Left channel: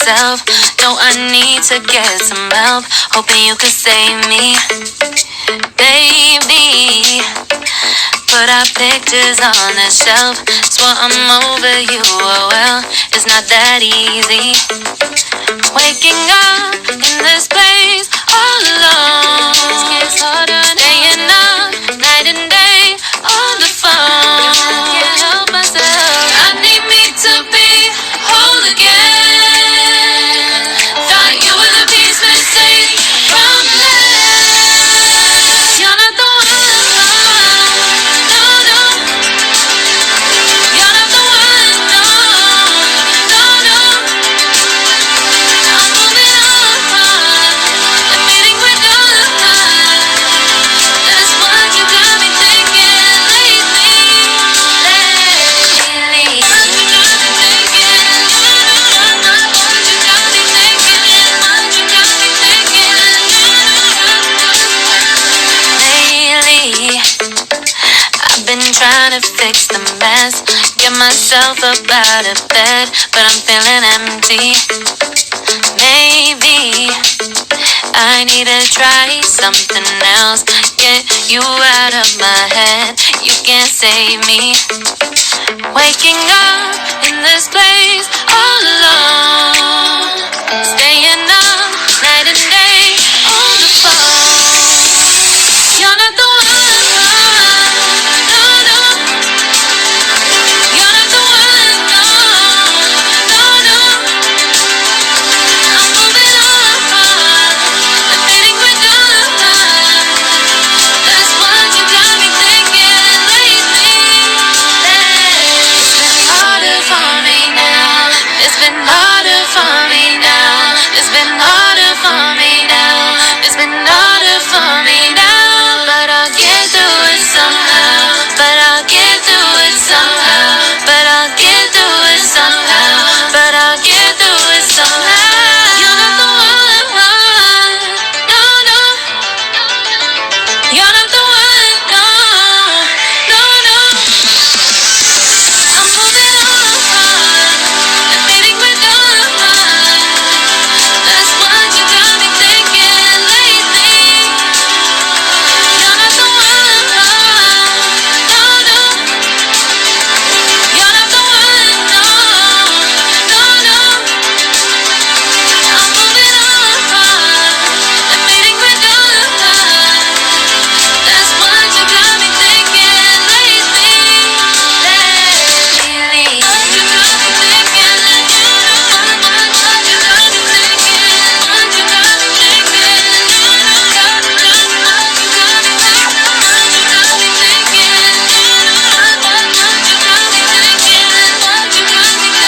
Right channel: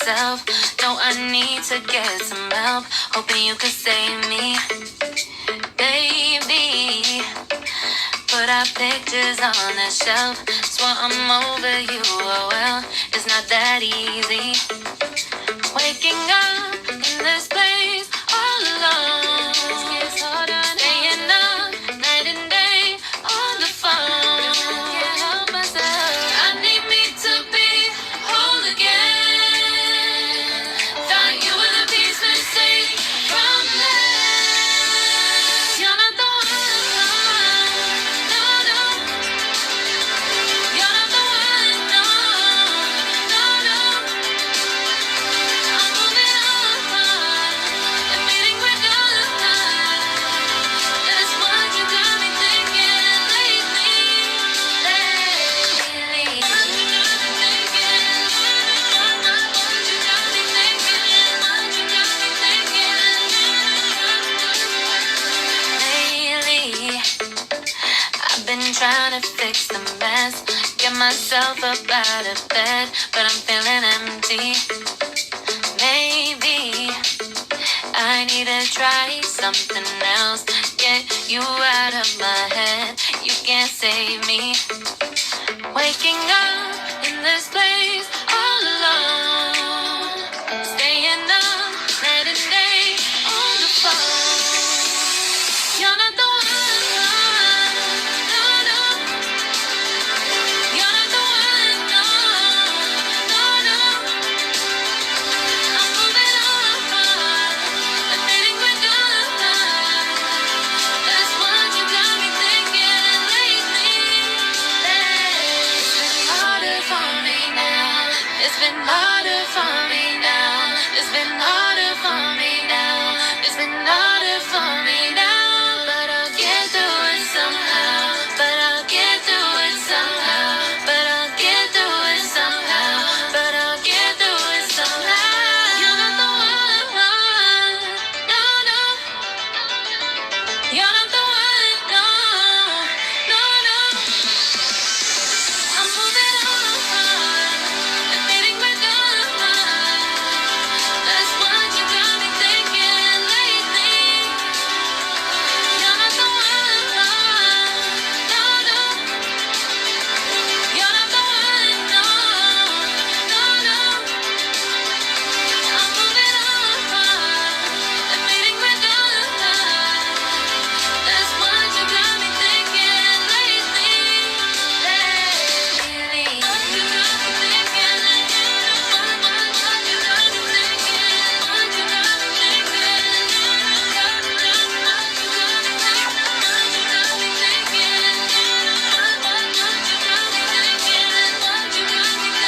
myself. No, I need to get some help. Hoping you could save me, baby. Put our pictures on the shelf. Swear I'm over you, oh well, it's not that easy. Waking up in this place all alone. Staying up night and day on the phone. Can't help myself. I need me to be whole again. Thought you were the piece missing from this. You're not the one. No, no. You're not the one. No, no, no. I'm moving on. Admitting we're done. That's what you got me thinking lately. Lately. What you got me thinking. What you got me thinking. What you got me thinking. Lately, I've been trying to fix the mess, get myself up out of bed, but I'm feeling empty. Maybe I need to try something else, get you out of my head. You can't save me. Waking up in this place all alone. Staying up night and day on the phone. You're not the one. No, no. You're not the one. No, no, no. I'm moving on. Admitting we're done. That's what you got me thinking lately. It's been harder for me now. It's been harder for me now. It's been harder for me now. It's been harder for me now. But I'll get through it somehow. But I'll get through it somehow. But I'll get through it somehow. But I'll get through it somehow. You're not the one. No, no. You're not the one. No, no, no. I'm moving on. Admitting we're done. That's what you got me thinking lately. You're not the one. No, no. You're not the one. No, no, no. I'm moving on. Admitting we're done. That's what you got me thinking lately. Lately. What you got me thinking. What you got me thinking. What you got me thinking. What you got me thinking. What you got me thinking. What you got me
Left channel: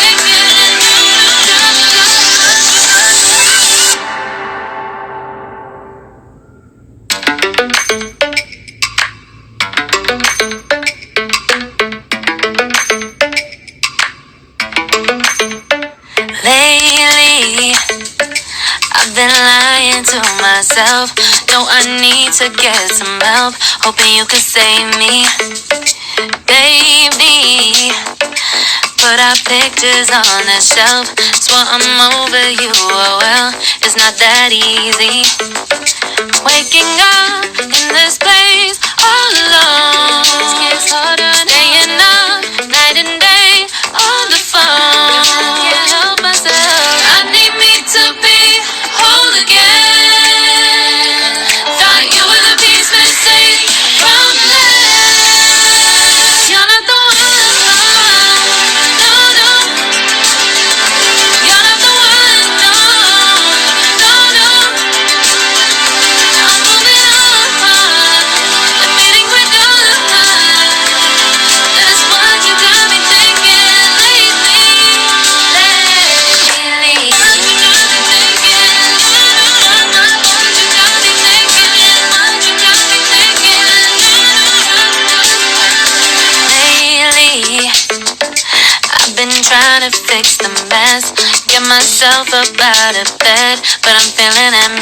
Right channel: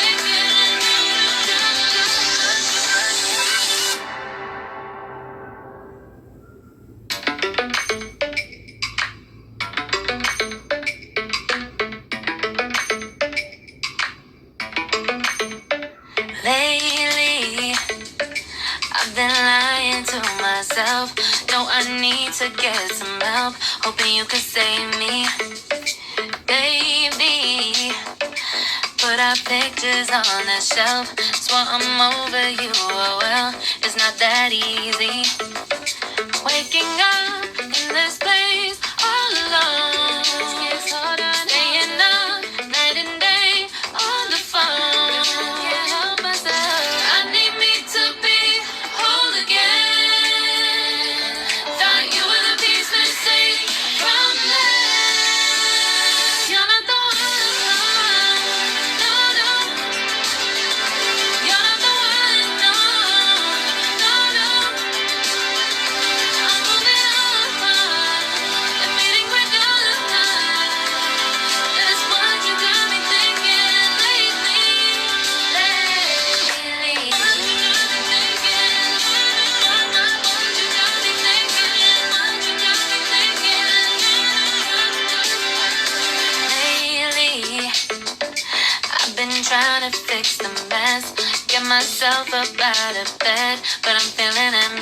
Lately, I've been lying to myself. No, I need to get some help. Hoping you could save me, baby. Put our pictures on the shelf. Swear I'm over you, oh well, it's not that easy. Waking up in this place all alone. Staying up night and day on the phone. Can't help myself. I need me to be whole again. Thought you were the piece missing from this. You're not the one. No, no. You're not the one. No, no, no. I'm moving on. Admitting we're done. That's what you got me thinking lately. Lately. What you got me thinking. What you got me thinking. What you got me thinking. Lately, I've been trying to fix the mess, get myself up out of bed, but I'm feeling empty.